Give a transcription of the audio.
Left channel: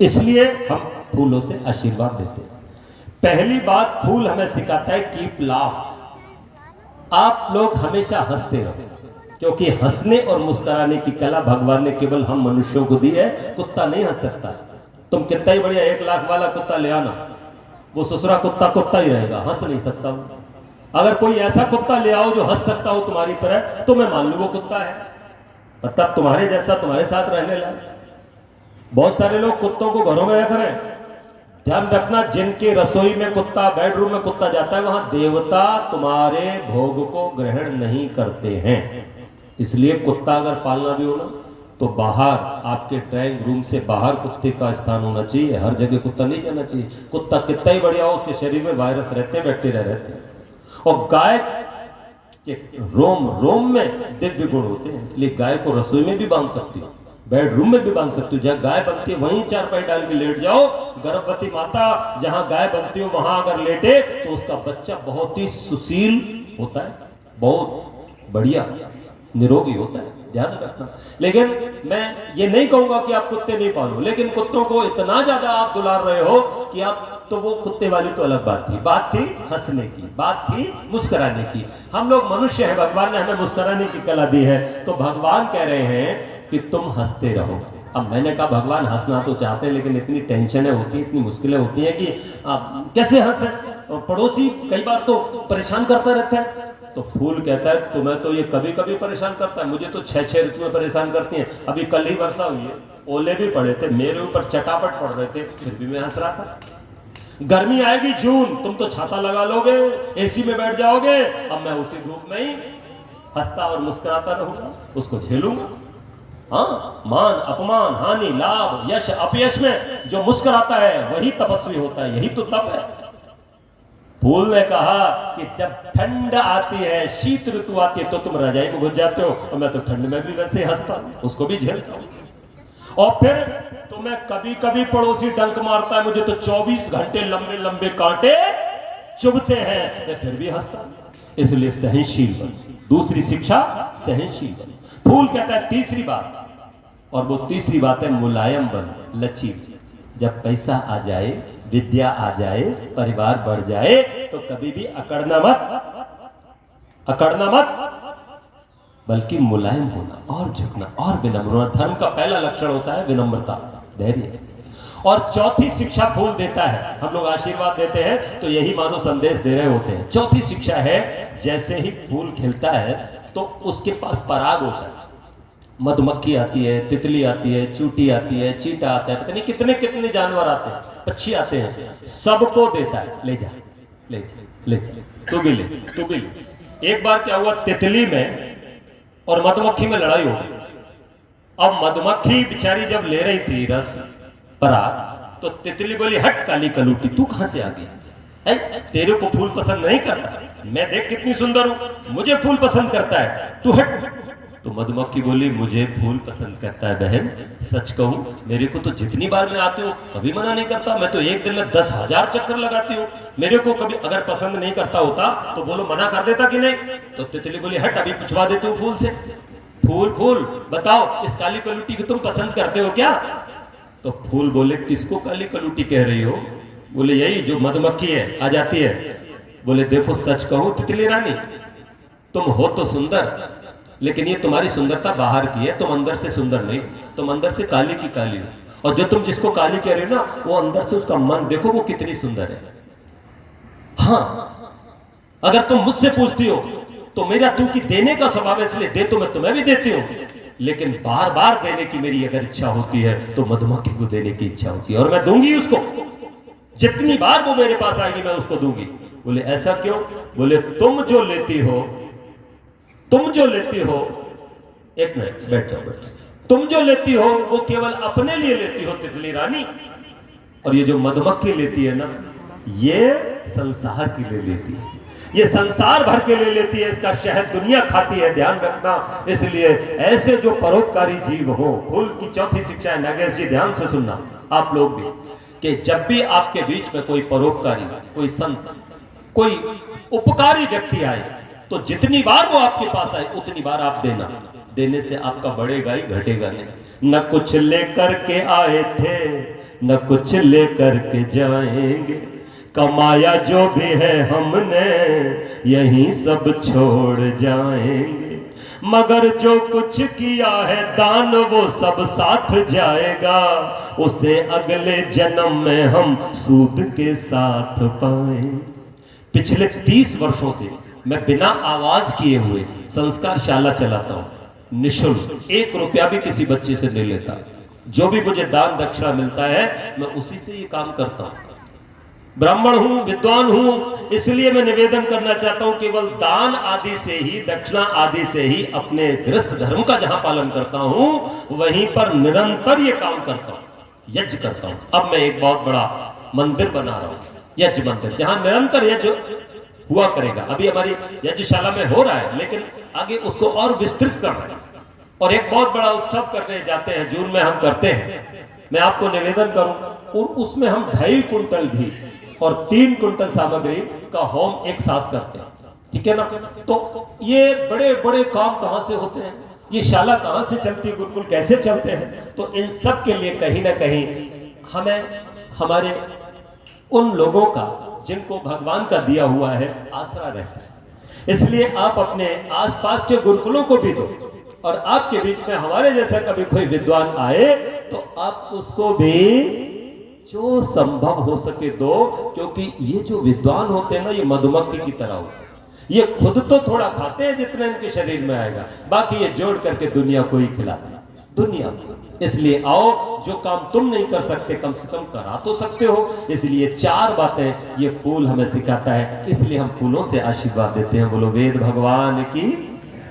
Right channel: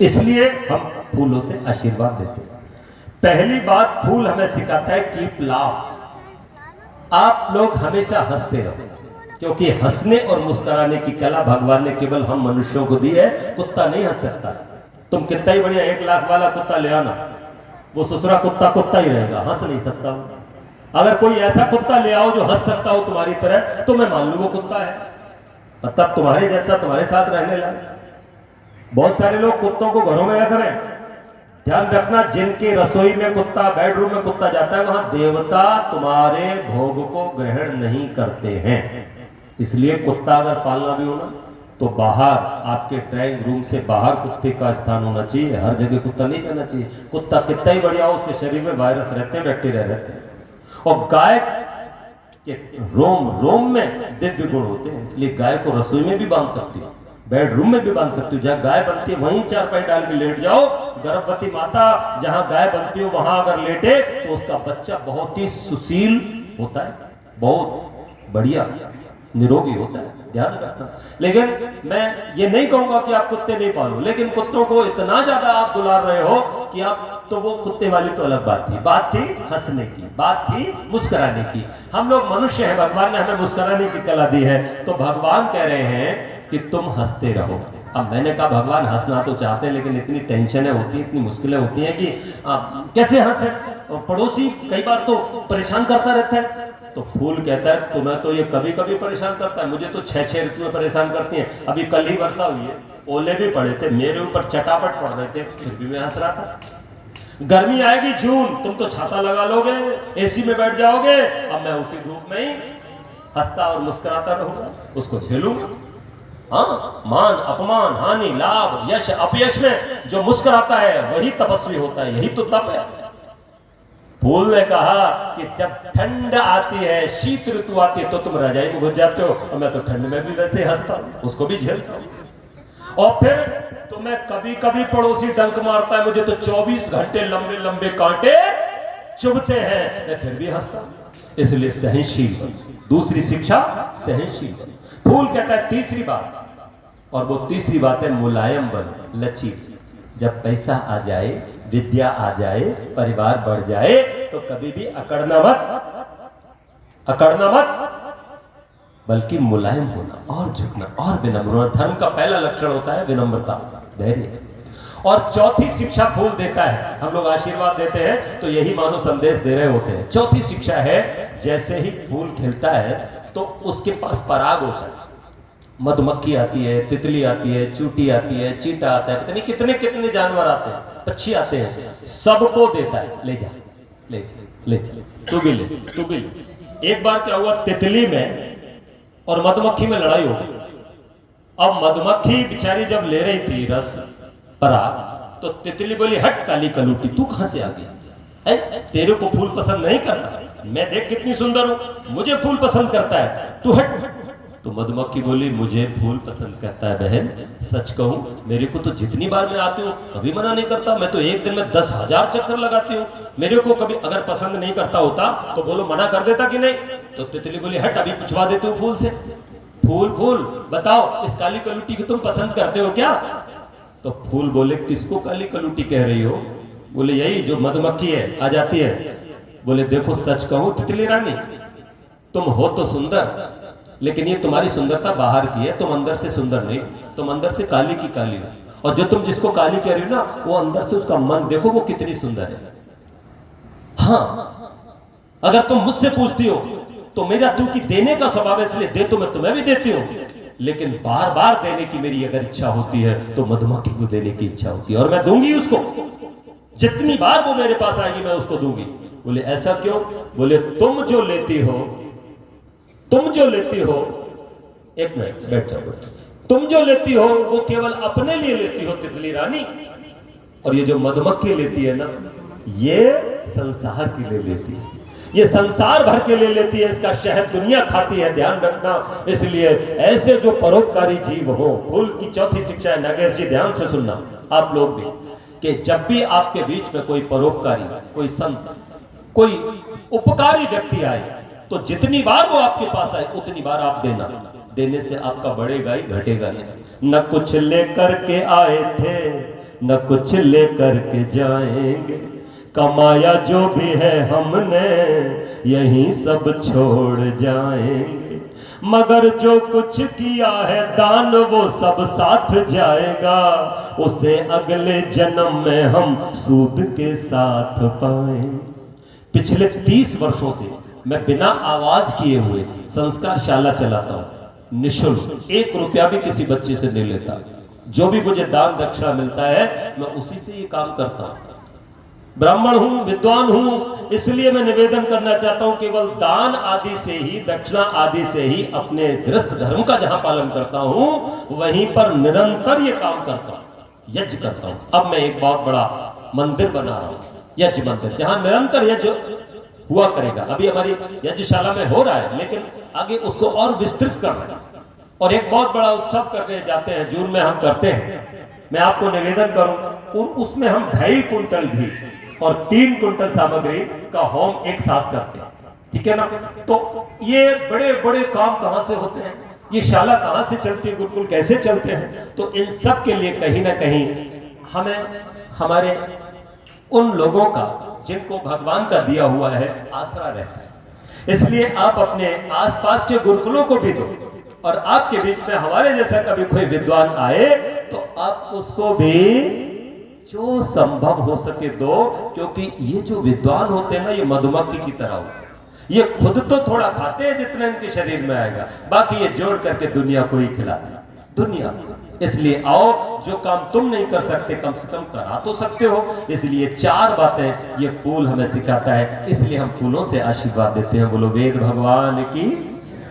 इसलिए हम फूलों से आशीर्वाद देते हैं। पहली बात, फूल हमें सिखाता है कीप लाफ। आप लोग हमेशा हंसते रहो, क्योंकि हंसने और मुस्कुराने की कला भगवान ने केवल हम मनुष्यों को दी है। कुत्ता नहीं हंस सकता। तुम कितना ही बढ़िया 1 लाख वाला कुत्ता ले आना, वो ससुरा कुत्ता कुत्ता ही रहेगा, हंस नहीं सकता। अगर कोई ऐसा कुत्ता ले आओ जो हंस सकता हो तुम्हारी तरह, तो मैं मान लूं वो कुत्ता है, और तब तुम्हारे जैसा तुम्हारे साथ रहने लगा। बहुत सारे लोग कुत्तों को घरों में रख रहे हैं। ध्यान रखना, जिनकी रसोई में कुत्ता, बेडरूम में कुत्ता जाता है, वहां देवता तुम्हारे भोग को ग्रहण नहीं करते हैं। इसलिए कुत्ता अगर पालना भी हो ना, तो बाहर आपके ड्राइंग रूम से बाहर कुत्ते का स्थान होना चाहिए। हर जगह कुत्ता नहीं जाना चाहिए। कुत्ता कितना ही बढ़िया हो, उसके शरीर में वायरस रहते हैं, बैक्टीरिया रहते हैं। और गाय के रोम रोम में दिव्य गुण होते हैं, इसलिए गाय को रसोई में भी बांध सकती हो, बेडरूम में भी बांध सकती हो। जहां गाय बनती है वहीं चारपाई डाल के लेट जाओ। गर्भवती माता जहां गाय बनती हो वहां अगर लेटे तो उसका बच्चा बहुत ही सुशील होता है, बहुत बढ़िया निरोगी होता है। ध्यान रखना। लेकिन मैं ये नहीं कहूंगा कि आप कुत्ते नहीं पालो, लेकिन कुत्तों को इतना ज्यादा आप दुलार रहे हो कि आप, तो वो कुत्ते वाली तो अलग बात थी हंसने की, बात थी मुस्कुराने की। हम लोग मनुष्य हैं, भगवान ने हमें मुस्कुराने की कला दी है, तो भगवान कह रहे हैं कि तुम हंसते रहो। अब मैंने कहा भगवान हंसना तो चाहते हैं, लेकिन इतनी टेंशनें होती हैं, इतनी मुश्किलें होती हैं कि कैसे हंसे। और पड़ोसी कई बार तो परेशान करता रहता है। तो फूल कहता है तुम्हें तो ये कभी कभी परेशान करता है, मुझे तो 6-6 ऋतुएं परेशान करती हैं। अभी कल ही वर्षा हुई है, ओले भी पड़े थे, मेरे ऊपर चटापट पड़ रहे थे, फिर भी मैं हंस रहा था। गर्मी आएगी जून, तुम तो छाता लगा लोगे, एसी में बैठ जाओगे, अब मैं उसी धूप में ही हंसता और मुस्कुराता रहूंगा, उसको झेलूंगा। हाँ, मान अपमान हानि लाभ यश अपयश में जो मुस्कुराता है वही तपस्वी होता है, यही तो तप है। फूल ने कहा कि जब ठंड आती है, शीत ऋतु आती है, तो तुम रजाई में घुस जाते हो, और मैं तो ठंड में भी वैसे हंसता हूं, उसको भी झेलता हूं। और फिर तुम्हें कभी कभी पड़ोसी डंक मारता है, मुझे तो 24 घंटे लंबे लंबे कांटे चुभते हैं, मैं फिर भी हंसता हूं। इसलिए सहनशील बन। दूसरी शिक्षा सहनशील बन। फूल कहता है तीसरी बात, और वो तीसरी बात है मुलायम बन, लचील। जब पैसा आ जाए, विद्या आ जाए, परिवार बढ़ जाए, तो कभी भी अकड़ना मत, बल्कि मुलायम होना और झुकना और विनम्र होना। धर्म का पहला लक्षण होता है विनम्रता, धैर्य। और चौथी शिक्षा फूल देता है, हम लोग आशीर्वाद देते हैं तो यही मानो संदेश दे रहे होते हैं। चौथी शिक्षा है, जैसे ही फूल खिलता है तो उसके पास पराग होता है। मधुमक्खी आती है, तितली आती है, चूटी आती है, चीटा आता है, पता नहीं कितने कितने जानवर आते हैं, पक्षी आते हैं, सबको देता है, ले जा ले जा ले जा, तू भी ले। एक बार क्या हुआ, तितली में और मधुमक्खी में लड़ाई हो गई। अब मधुमक्खी बेचारी जब ले रही थी रस पराग, तो तितली बोली हट काली कलूटी, तू कहां से आ गया? तेरे को फूल पसंद नहीं करता, मैं देख कितनी सुंदर हूं, मुझे फूल पसंद करता है, तू हट। तो मधुमक्खी बोली मुझे फूल पसंद करता है बहन, सच कहूं मेरे को तो जितनी बार मैं आती हूँ कभी मना नहीं करता, मैं तो एक दिन में 10,000 चक्कर लगाती हूँ, मेरे को कभी अगर पसंद नहीं करता होता तो बोलो मना कर देता कि नहीं। तो तितली बोली हट, अभी पूछवा देती हूँ फूल से, फूल बताओ इस काली कलूटी को तुम पसंद करते हो क्या? तो फूल बोले किसको काली कलूटी कह रही हो? बोले यही जो मधुमक्खी है आ जाती है। बोले देखो सच कहूं तितली रानी, तुम हो तो सुंदर, लेकिन ये तुम्हारी सुंदरता बाहर की है, तुम अंदर से सुंदर नहीं, तुम अंदर से काली की काली हो। और जो तुम जिसको काली कह रही हो ना, वो अंदर से उसका मन देखो वो कितनी सुंदर है। हाँ, अगर तुम मुझसे पूछती हो तो मेरा तू की देने का स्वभाव है, इसलिए दे तो मैं तुम्हें भी देती हूँ, लेकिन बार बार देने की मेरी अगर इच्छा होती है तो मधुमक्खी को देने की इच्छा होती है, और मैं दूंगी उसको, जितनी बार वो मेरे पास आएगी मैं उसको दूंगी। बोले ऐसा क्यों? बोले तुम जो लेती हो, एक मिनट बैठ जाओ, तुम जो लेती हो वो केवल अपने लिए लेती हो तितली रानी, और ये जो मधुमक्खी लेती है ना, ये संसार के लिए लेती है, ये संसार भर के लिए लेती है, इसका शहद दुनिया खाती है, ध्यान रखना। इसलिए ऐसे जो परोपकारी जीव हो, फूल की चौथी शिक्षा है, नागेश जी ध्यान से सुनना आप लोग भी, कि जब भी आपके बीच में कोई परोपकारी, कोई संत, कोई उपकारी व्यक्ति आए, तो जितनी बार वो आपके पास आए उतनी बार आप देना, देने से आपका बढ़ेगा ही घटेगा नहीं। न कुछ लेकर के आए थे न कुछ लेकर के जाएंगे, कमाया जो भी है हमने यहीं सब छोड़ जाएंगे। मगर जो कुछ किया है दान वो सब साथ जाएगा, उसे अगले जन्म में हम सूद के साथ पाएं। पिछले 30 वर्षों से मैं बिना आवाज किए हुए संस्कार शाला चलाता हूं, निःशुल्क, 1 रुपया भी किसी बच्चे से नहीं लेता। जो भी मुझे दान दक्षिणा मिलता है मैं उसी से ये काम करता हूं। ब्राह्मण हूं, विद्वान हूं, इसलिए मैं निवेदन करना चाहता हूं केवल दान आदि से ही, दक्षिणा आदि से ही अपने गृहस्थ धर्म का जहां पालन करता हूं वहीं पर निरंतर ये काम करता हूं, यज्ञ करता हूं। अब मैं एक बहुत बड़ा मंदिर बना रहा हूं, यज्ञ मंदिर, जहां निरंतर यज्ञ हुआ करेगा। अभी हमारी यज्ञशाला में हो रहा है, लेकिन आगे उसको और विस्तृत करना और एक बहुत बड़ा उत्सव करने जाते हैं, जून में हम करते हैं। मैं आपको निवेदन करूं और उसमें हम 2.5 कुंटल घी और 3 कुंटल सामग्री का होम एक साथ करते हैं, ठीक है ना। तो ये बड़े बड़े काम कहां से होते हैं, ये शाला कहां से चलती है, गुरुकुल कैसे चलते हैं, तो इन सब के लिए कहीं ना कहीं हमें हमारे उन लोगों का जिनको भगवान का दिया हुआ है आसरा रहता है। इसलिए आप अपने आसपास के गुरुकुलों को भी दो, और आपके बीच में हमारे जैसा कभी कोई विद्वान आए तो आप उसको भी जो संभव हो सके दो, क्योंकि ये जो विद्वान होते हैं ना, ये मधुमक्खी की तरह होते हैं। ये खुद तो थोड़ा खाते हैं जितना इनके शरीर में आएगा, बाकी ये जोड़ करके दुनिया को ही खिलाते हैं, दुनिया। इसलिए आओ, जो काम तुम नहीं कर सकते कम से कम करा तो सकते हो। इसलिए 4 बातें ये फूल हमें सिखाता है, इसलिए हम फूलों से आशीर्वाद देते हैं। बोलो वेद भगवान की।